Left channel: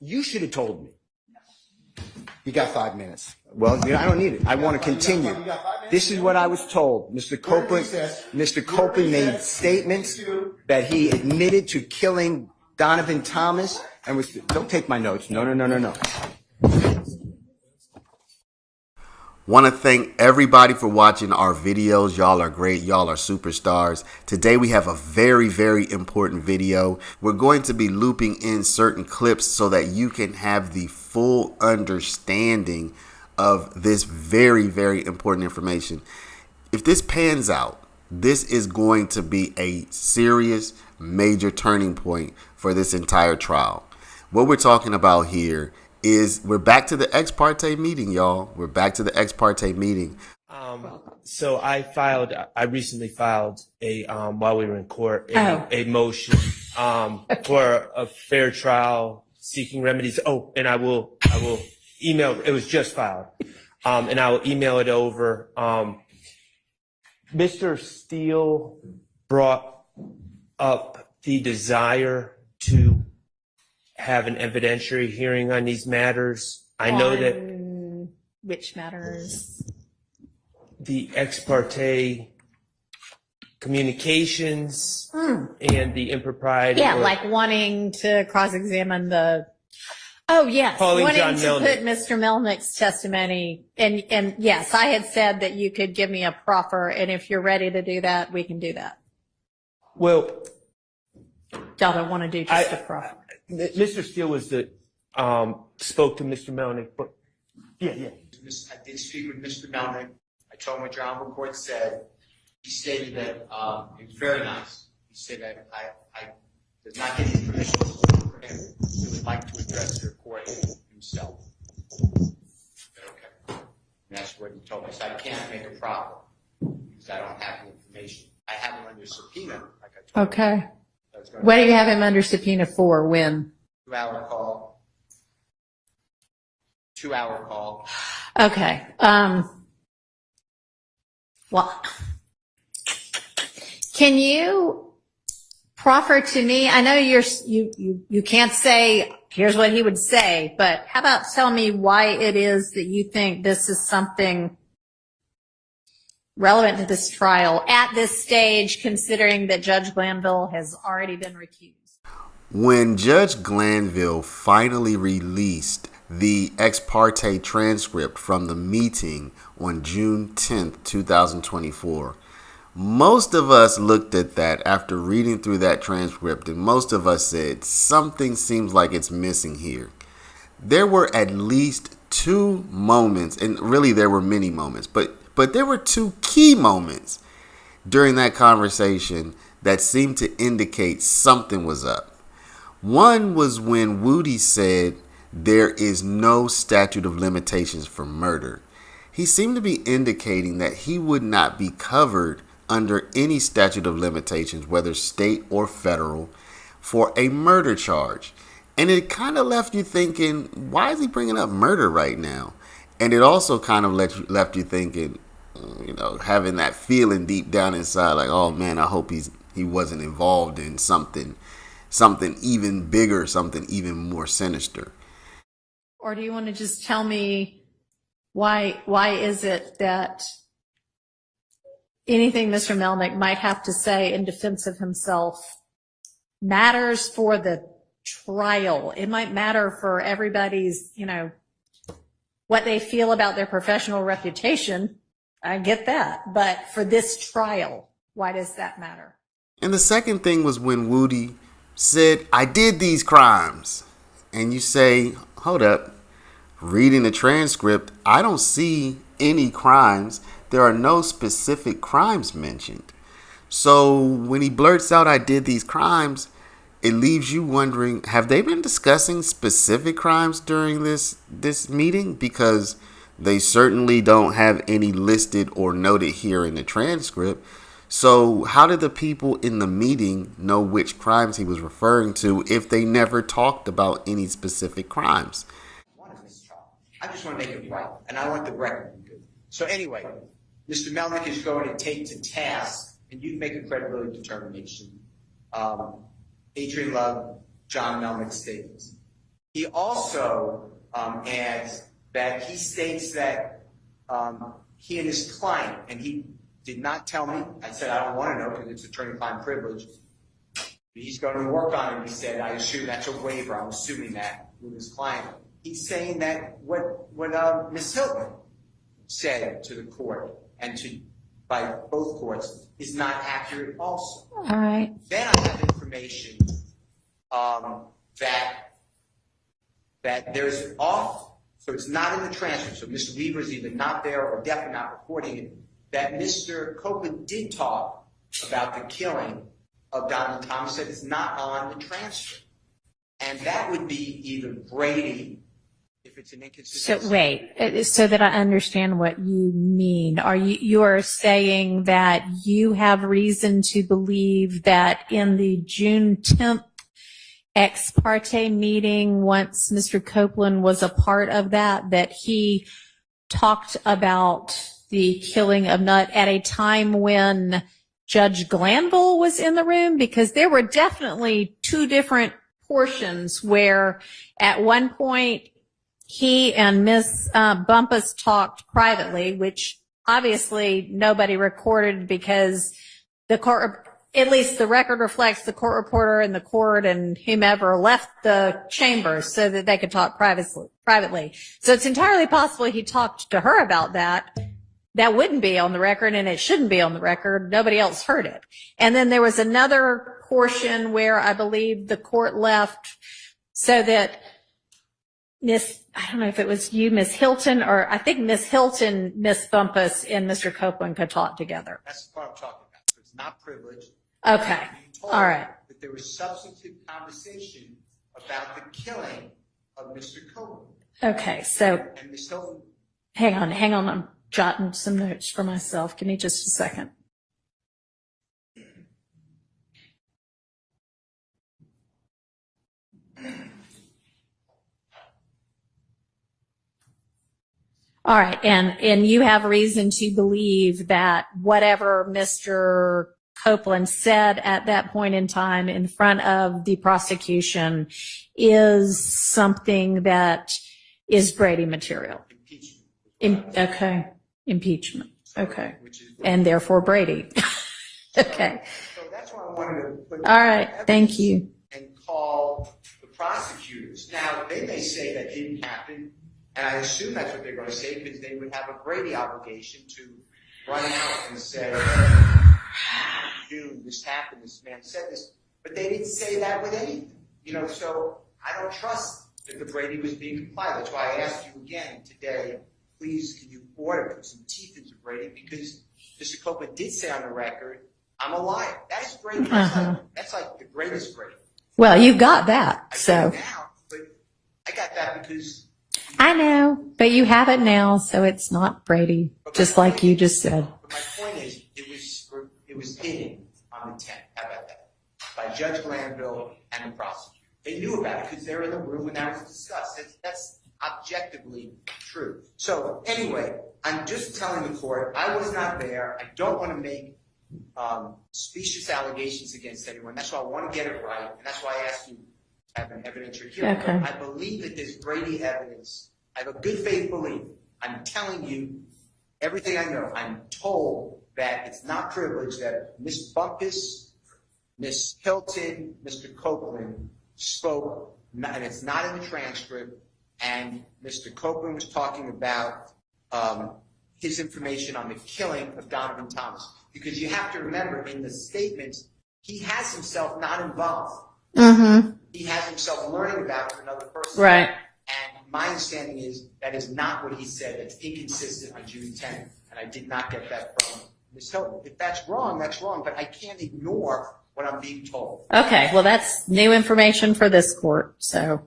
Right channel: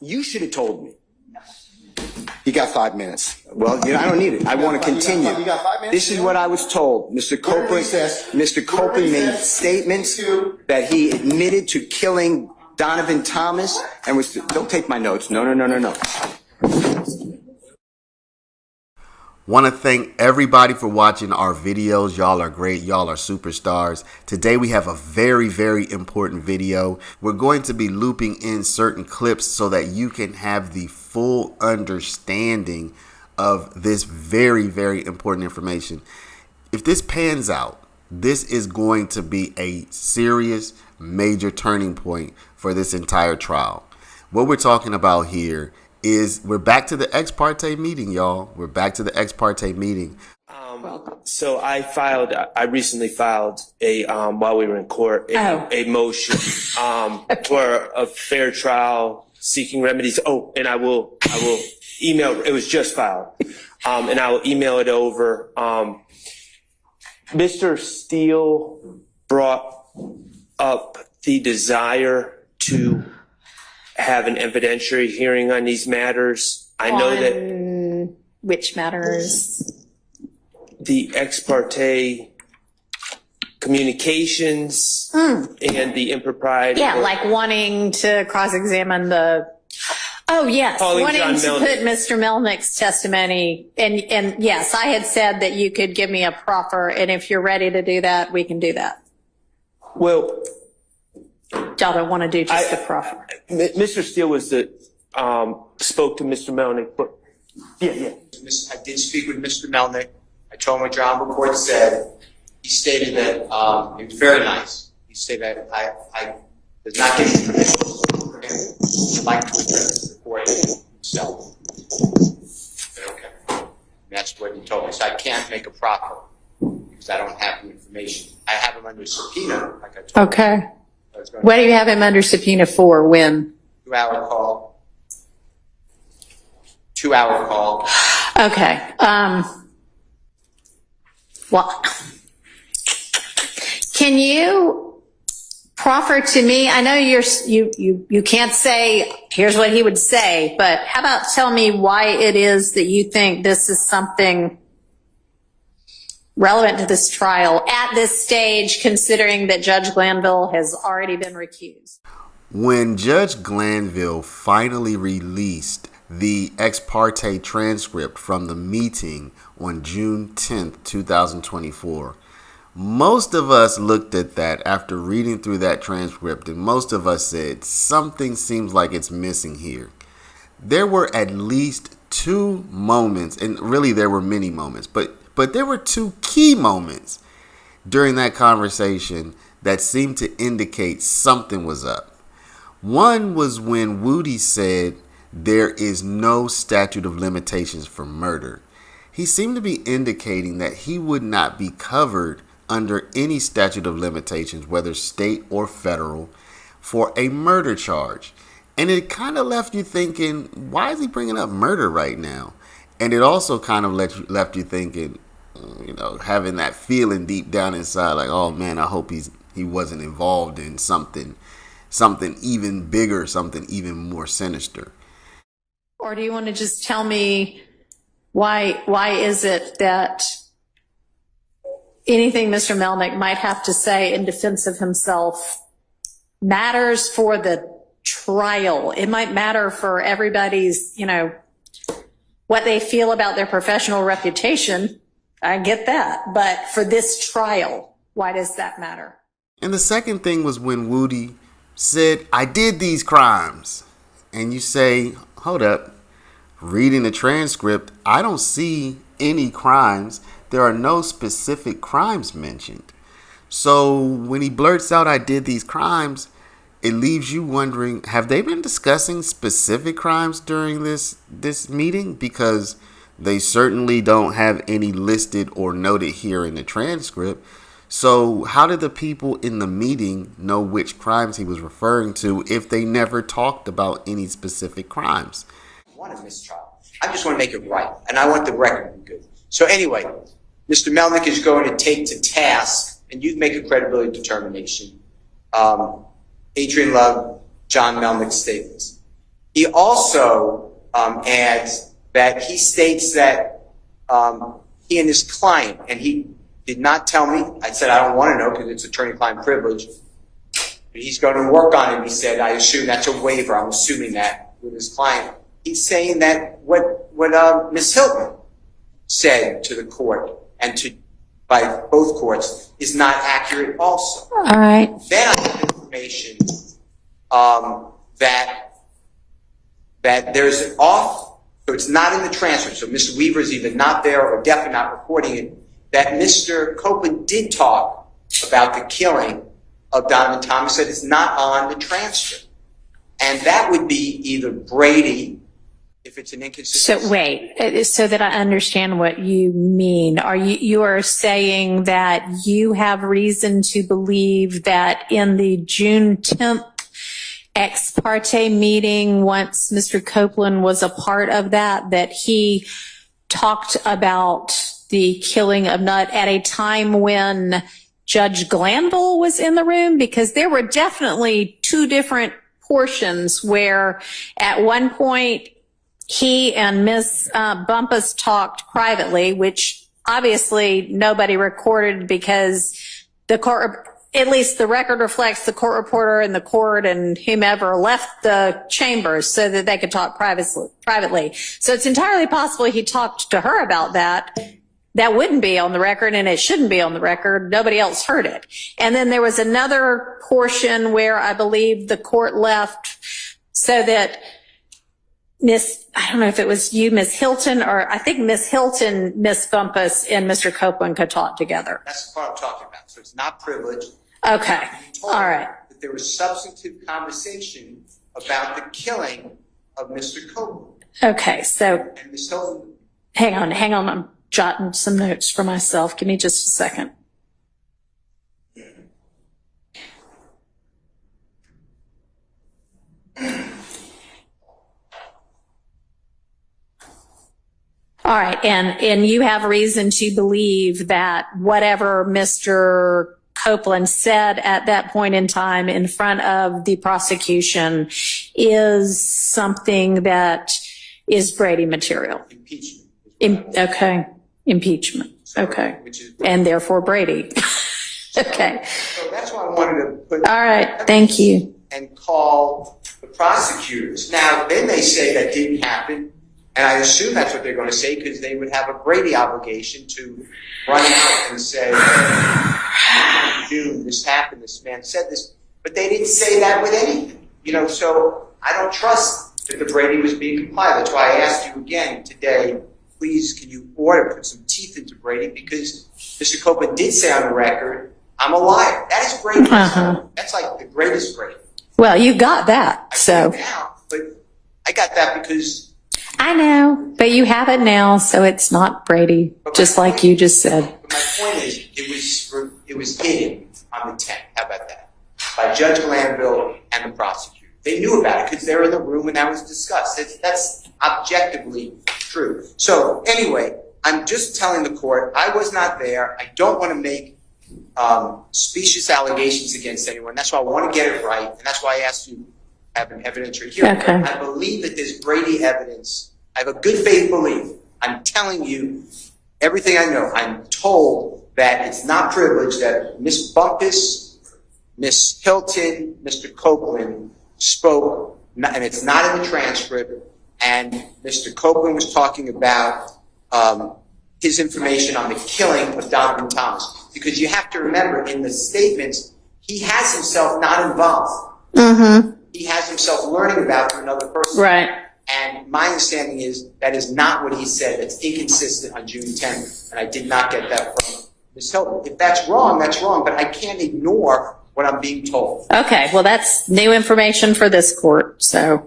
You should have told me. You got 5 minutes. Well, I don't need it. I want to continue. You got 5 minutes? This is what I was told. Mr. Copeland made statements that he admitted to killing Donovan Thomas and was. Don't take my notes. No. Want to thank everybody for watching our videos. Y'all are great. Y'all are superstars. Today we have a very, very important video. We're going to be looping in certain clips so that you can have the full understanding of this very, very important information. If this pans out, this is going to be a serious, major turning point for this entire trial. What we're talking about here is we're back to the ex parte meeting, y'all. We're back to the ex parte meeting. So I recently filed while we were in court, a motion for a fair trial, seeking remedies. Oh, and I will email. It was just filed, and I will email it over. Mr. Steele brought up the desire to have an evidentiary hearing on these matters. I know that. Which matters? The ex parte communications and the impropriety. Yeah, like wanting to cross-examine the. Oh yes, wanting to put Mr. Melnick's testimony. And yes, I had said that you could give me a proffer, and if you're ready to do that, we can do that. Well, y'all don't want to do just a proffer. Mr. Steele was the spoke to Mr. Melnick, but yeah. I did speak with Mr. Melnick. I told him what your honorable court said. He stated that it was very nice. He stated that I did not get his permission for him. He would like to address the court himself. Okay. That's what he told me. So I can't make a proffer because I don't have the information. I have him under subpoena, like I told you. Okay. What do you have him under subpoena for? When? 2-hour call. 2-hour call. Okay. Well, can you proffer to me? I know you can't say here's what he would say, but how about tell me why it is that you think this is something relevant to this trial at this stage, considering that Judge Glanville has already been recused? When Judge Glanville finally released the ex parte transcript from the meeting on June 10th, 2024, most of us looked at that after reading through that transcript, and most of us said something seems like it's missing here. There were at least 2 moments, and really there were many moments, but there were 2 key moments during that conversation that seemed to indicate something was up. One was when Woody said there is no statute of limitations for murder. He seemed to be indicating that he would not be covered under any statute of limitations, whether state or federal, for a murder charge. And it kind of left you thinking, why is he bringing up murder right now? And it also kind of left you thinking, having that feeling deep down inside, like, oh man, I hope he wasn't involved in something even bigger, something even more sinister. Or do you want to just tell me why is it that anything Mr. Melnick might have to say in defense of himself matters for the trial? It might matter for everybody's, what they feel about their professional reputation. I get that. But for this trial, why does that matter? And the second thing was when Woody said, I did these crimes. And you say, hold up, reading the transcript, I don't see any crimes. There are no specific crimes mentioned. So when he blurts out, I did these crimes, it leaves you wondering, have they been discussing specific crimes during this meeting? Because they certainly don't have any listed or noted here in the transcript. So how did the people in the meeting know which crimes he was referring to if they never talked about any specific crimes? I want a mistrial. I just want to make it right, and I want the record to be good. So anyway, Mr. Melnick is going to take to task, and you make a credibility determination, Adrian Love, John Melnick's statements. He also adds that he states that he and his client, and he did not tell me, I said I don't want to know because it's attorney-client privilege, but he's going to work on it. He said, I assume that's a waiver. I'm assuming that with his client. He's saying that what Ms. Hilton said to the court and by both courts is not accurate also. All right. Then I have information that there's off, so it's not in the transcript, so Mr. Weaver's either not there or definitely not recording it, that Mr. Copeland did talk about the killing of Donovan Thomas, that it's not on the transcript. And that would be either Brady, if it's an inconsistency. So wait, so that I understand what you mean. You are saying that you have reason to believe that in the June 10th ex parte meeting, once Mr. Copeland was a part of that he talked about the killing of Nutt at a time when Judge Glanville was in the room? Because there were definitely two different portions where at one point he and Ms. Bumpus talked privately, which obviously nobody recorded because the court, at least the record reflects the court reporter and the court and whomever left the chambers so that they could talk privately. So it's entirely possible he talked to her about that. That wouldn't be on the record, and it shouldn't be on the record. Nobody else heard it. And then there was another portion where I believe the court left so that I don't know if it was you, Miss Hilton, or I think Miss Hilton, Miss Bumpus, and Mr. Copeland could talk together. That's the part I'm talking about. So it's not privileged. Okay. All right. That there was substantive conversation about the killing of Mr. Copeland. Okay. So And Ms. Hilton. hang on. I'm jotting some notes for myself. Give me just a second. All right, and you have reason to believe that whatever Mr. Copeland said at that point in time in front of the prosecution is something that is Brady material. Impeachment. Okay, impeachment. Okay, Which is and therefore Brady. Okay. So that's why I wanted to put. All right, thank you. And call the prosecutors. Now, they may say that didn't happen. And I assume that's what they're going to say because they would have a Brady obligation to run out and say, June, this happened, this man said this. But they didn't say that with anything. So I don't trust that the Brady was being complied. That's why I asked you again today, please, can you put some teeth into Brady? Because Mr. Copeland did say on the record, I'm a liar. That is Brady. That's like the greatest Brady. Well, you got that, so. But I got that because I know, but you have it now, so it's not Brady, just like you just said. But my point is, it was hidden on the 10th. How about that? By Judge Glanville and the prosecutor. They knew about it because they were in the room when that was discussed. That's objectively true. So anyway, I'm just telling the court I was not there. I don't want to make specious allegations against anyone. That's why I want to get it right, and that's why I asked you. Have an evidentiary hearing. Okay. I believe that there's Brady evidence. I have a good faith belief. I'm telling you everything I know. I'm told that it's not privileged that Miss Bumpus, Miss Hilton, Mr. Copeland spoke, and it's not in the transcript, and Mr. Copeland was talking about his information on the killing of Donovan Thomas. Because you have to remember, in the statements, he has himself not involved. Mm-hmm. He has himself learning about through another person. Right. And my understanding is that is not what he said. That's inconsistent on June 10th, and I did not get that from Ms. Hilton. If that's wrong, but I can't ignore what I'm being told. Okay, well, that's new information for this court, so.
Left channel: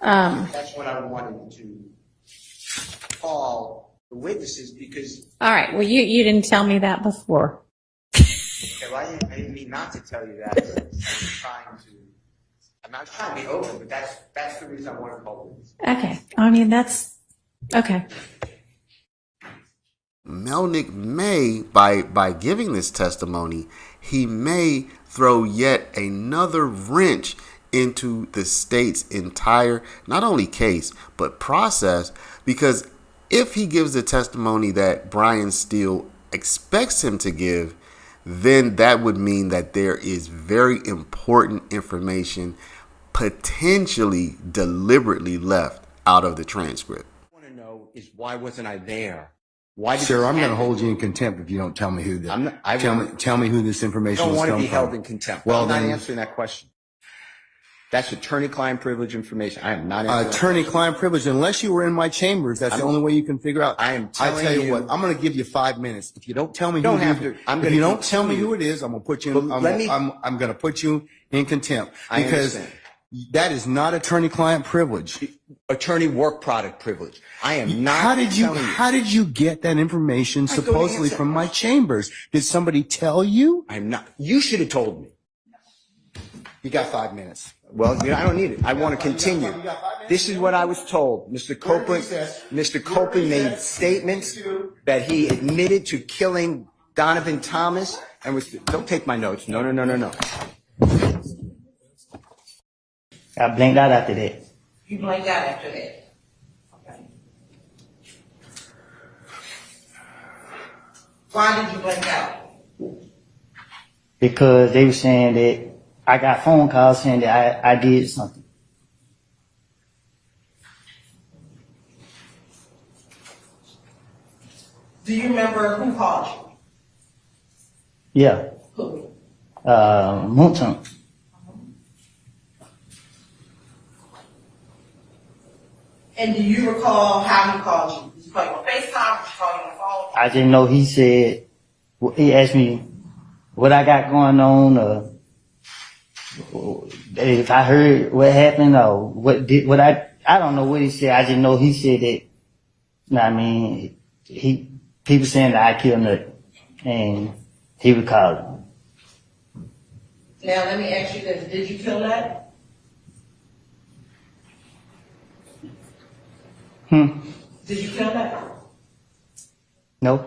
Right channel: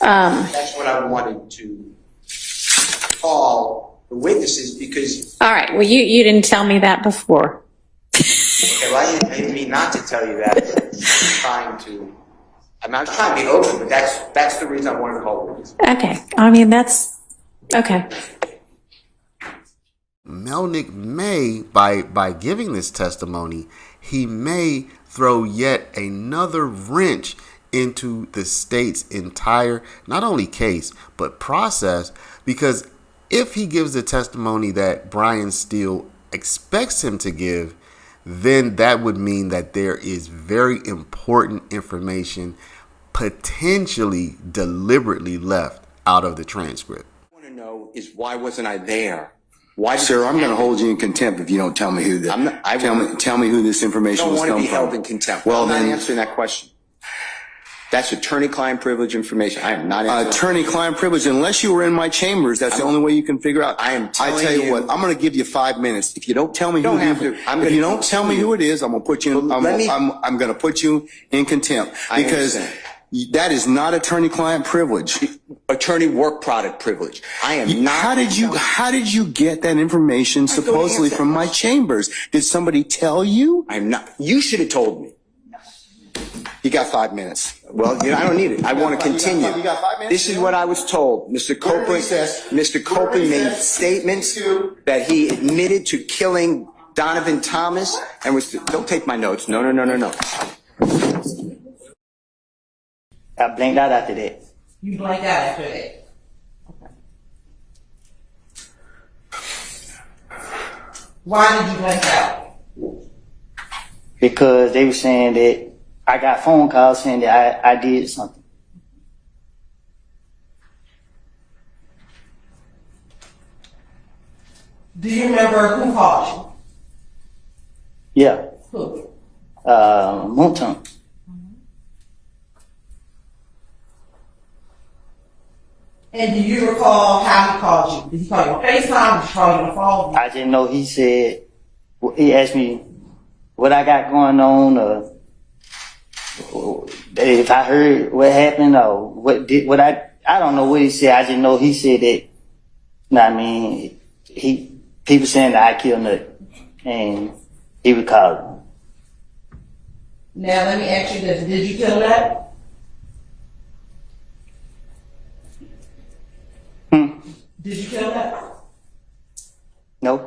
That's what I wanted to call the witnesses because. All right, well, you didn't tell me that before. Okay, well, I didn't mean not to tell you that. I'm not trying to be open, but that's the reason I wanted to call witnesses. Okay, I mean, that's, okay. Melnick may, by giving this testimony, he may throw yet another wrench into the state's entire, not only case, but process. Because if he gives the testimony that Brian Steele expects him to give, then that would mean that there is very important information potentially deliberately left out of the transcript. What I want to know is why wasn't I there? Why, Sir, I'm going to hold you in contempt if you don't tell me who the. I'm not- I tell me who this I information don't was want to come be from. held in contempt. Well, I'm not then, answering that question. That's attorney-client privilege information. I am not answering. attorney-client privilege. Unless you were in my chambers, that's the only way you can figure out. I am I telling tell you you- what, I'm going to give you 5 minutes. If you don't tell me, Don't who have you, to. I'm if gonna you don't tell me continue. who it is, I'm going to put you. But let me- I'm going to put you in contempt I because understand. that is not attorney-client privilege. Attorney work product privilege. I am not. How did you get that information go to supposedly answer from that my question. chambers? Did somebody tell you? I'm not. You should have told me. You got 5 minutes. Well, I don't need it. I want to continue. You got 5 minutes? This is what I was told. Mr. Copeland, recess. Mr. We're Copeland made recess. statements 2. that he admitted to killing Donovan Thomas and was. Don't take my notes. No. I blinked out after that. You blanked out after that. Okay. Why did you blank out? Because they were saying that I got phone calls saying that I did something. Do you remember who called Yeah. you? Who? Montum. And do you recall how he called you? Did he call you on FaceTime? Did he call you on the phone? I didn't know he said, he asked me what I got going on, or if I heard what happened, or I don't know what he said. I just know he said that, I mean, people saying that I killed Nut, and he would call him. Now let me ask you this. Did you kill that? Did you kill that? No.